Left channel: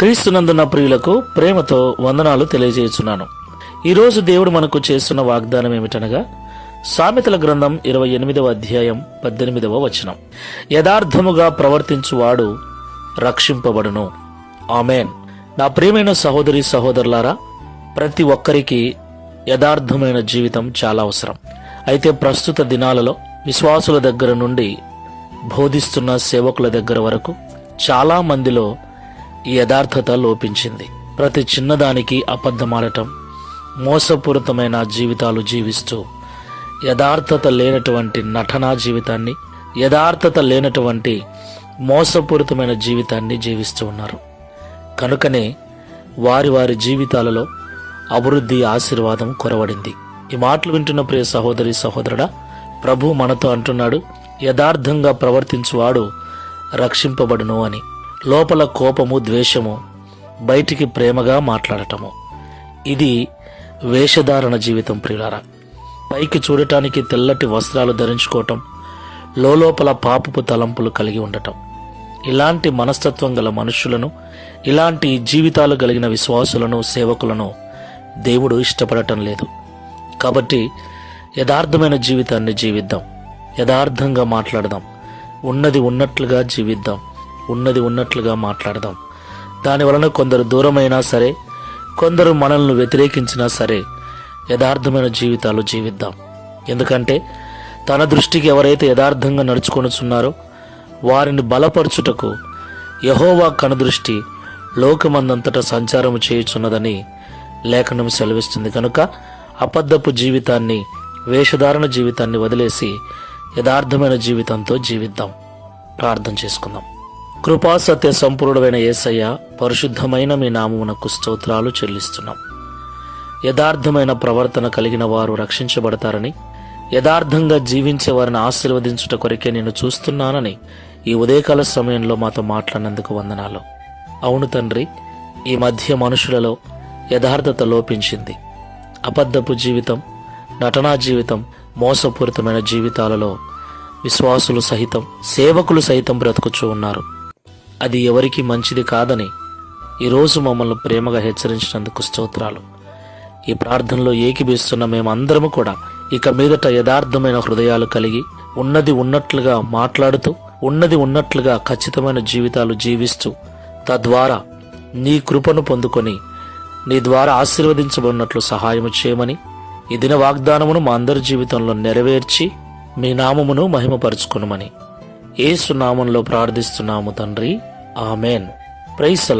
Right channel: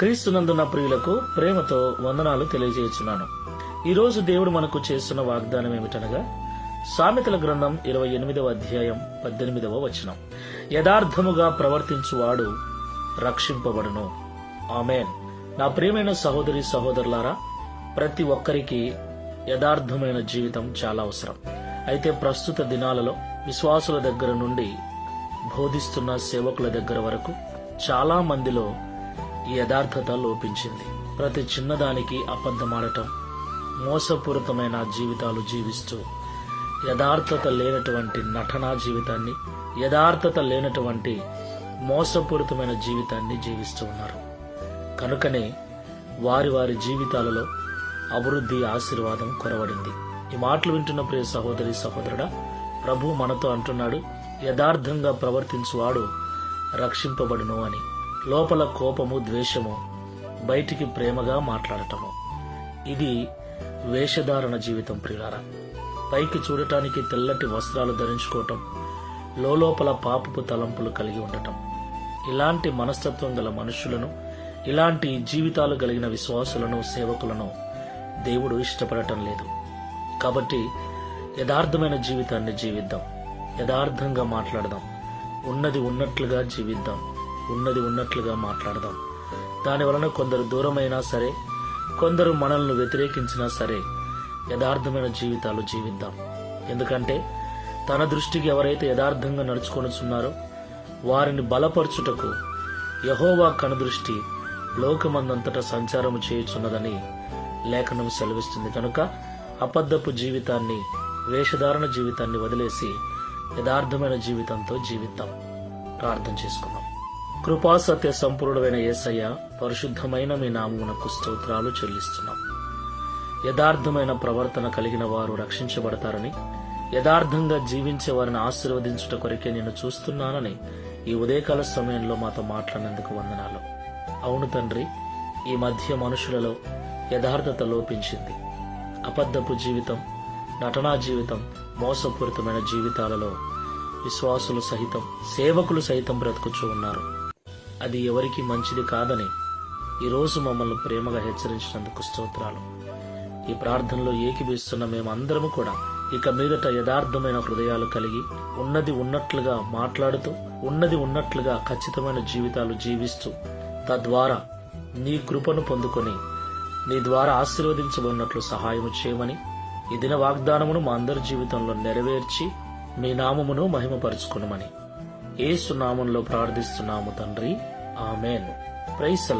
క్రీస్తునందున్న ప్రియులకు ప్రేమతో వందనాలు తెలియజేస్తున్నాను. ఈరోజు దేవుడు మనకు చేస్తున్న వాగ్దానం ఏమిటనగా సామెతల గ్రంథం 28వ అధ్యాయం 18వ వచనం. యథార్థముగా ప్రవర్తించువాడు రక్షింపబడును. ఆమేన్. నా ప్రియమైన సహోదరి సహోదరులారా, ప్రతి ఒక్కరికి యథార్థమైన జీవితం చాలా అవసరం. అయితే ప్రస్తుత దినాలలో విశ్వాసుల దగ్గర నుండి బోధిస్తున్న సేవకుల దగ్గర వరకు చాలా మందిలో ఈ యథార్థత లోపించింది. ప్రతి చిన్నదానికి అబద్ధమాడటం, మోసపూరితమైన జీవితాలు జీవిస్తూ యథార్థత లేనటువంటి నటనా జీవితాన్ని, యథార్థత లేనటువంటి మోసపూరితమైన జీవితాన్ని జీవిస్తూ ఉన్నారు. కనుకనే వారి వారి జీవితాలలో అభివృద్ధి, ఆశీర్వాదం కొరవడింది. ఈ మాటలు వింటున్న ప్రియ సహోదరి సహోదరుడా, ప్రభు మనతో అంటున్నాడు, యథార్థంగా ప్రవర్తించువాడు రక్షింపబడును అని. లోపల కోపము, ద్వేషము, బయటికి ప్రేమగా మాట్లాడటము, ఇది వేషధారణ జీవితం ప్రియులారా. పైకి చూడటానికి తెల్లటి వస్త్రాలు ధరించుకోవటం, లోపల పాపపు తలంపులు కలిగి ఉండటం. ఇలాంటి మనస్తత్వం గల మనుషులను, ఇలాంటి జీవితాలు కలిగిన విశ్వాసులను, సేవకులను దేవుడు ఇష్టపడటం లేదు. కాబట్టి యథార్థమైన జీవితాన్ని జీవిద్దాం, యథార్థంగా మాట్లాడదాం, ఉన్నది ఉన్నట్లుగా జీవిద్దాం, ఉన్నది ఉన్నట్లుగా మాట్లాడదాం. దాని వలన కొందరు దూరమైనా సరే, కొందరు మనల్ని వ్యతిరేకించినా సరే, యథార్థమైన జీవితాలు జీవిద్దాం. ఎందుకంటే తన దృష్టికి ఎవరైతే యథార్థంగా నడుచుకొనుచున్నారో వారిని బలపరచుటకు యెహోవా కనుదృష్టి లోకమందంతటా సంచారం చేయుచున్నదని లేఖనం సెలవిస్తుంది. కనుక అబద్ధపు జీవితాన్ని, వేషధారణ జీవితాన్ని వదిలేసి యథార్థమైన జీవితంతో జీవిద్దాం. ప్రార్థన చేసుకుందాం. కృపా సత్య సంపూర్ణమైన యేసయ్య, పరిశుద్ధమైన మీ నామమునకు స్తోత్రాలు చెల్లిస్తున్నాం. యథార్థమైన ప్రవర్తన కలిగిన వారు రక్షించబడతారని, యథార్థంగా జీవించే వారిని ఆశీర్వదించుట కొరకే నేను చూస్తున్నానని ఈ ఉదయకాల సమయంలో మాతో మాట్లాడినందుకు వందనాలు. అవును తండ్రి, ఈ మధ్య మనుషులలో యథార్థత లోపించింది. అబద్ధపు జీవితం, నటనా జీవితం, మోసపూరితమైన జీవితాలలో విశ్వాసులు సహితం, సేవకులు సైతం బ్రతుకుచూ ఉన్నారు. అది ఎవరికి మంచిది కాదని ఈరోజు మమ్మల్ని ప్రేమగా హెచ్చరించినందుకు స్తోత్రాలు. ఈ ప్రార్థనలో ఏకీభవిస్తున్న మేమందరము కూడా ఇక మీదట యథార్థమైన హృదయాలు కలిగి, ఉన్నది ఉన్నట్లుగా మాట్లాడుతూ, ఉన్నది ఉన్నట్లుగా ఖచ్చితమైన జీవితాలు జీవిస్తూ, తద్వారా నీ కృపను పొందుకొని నీ ద్వారా ఆశీర్వదించబడినట్లు సహాయము చేయమని ఈ దిన వాగ్దానమును మా అందరి జీవితంలో నెరవేర్చి మీ నామమును మహిమపరచుకొనుమని యేసు నామంలో ప్రార్థిస్తున్నాము తండ్రి. ఆమెన్. Praise the lord.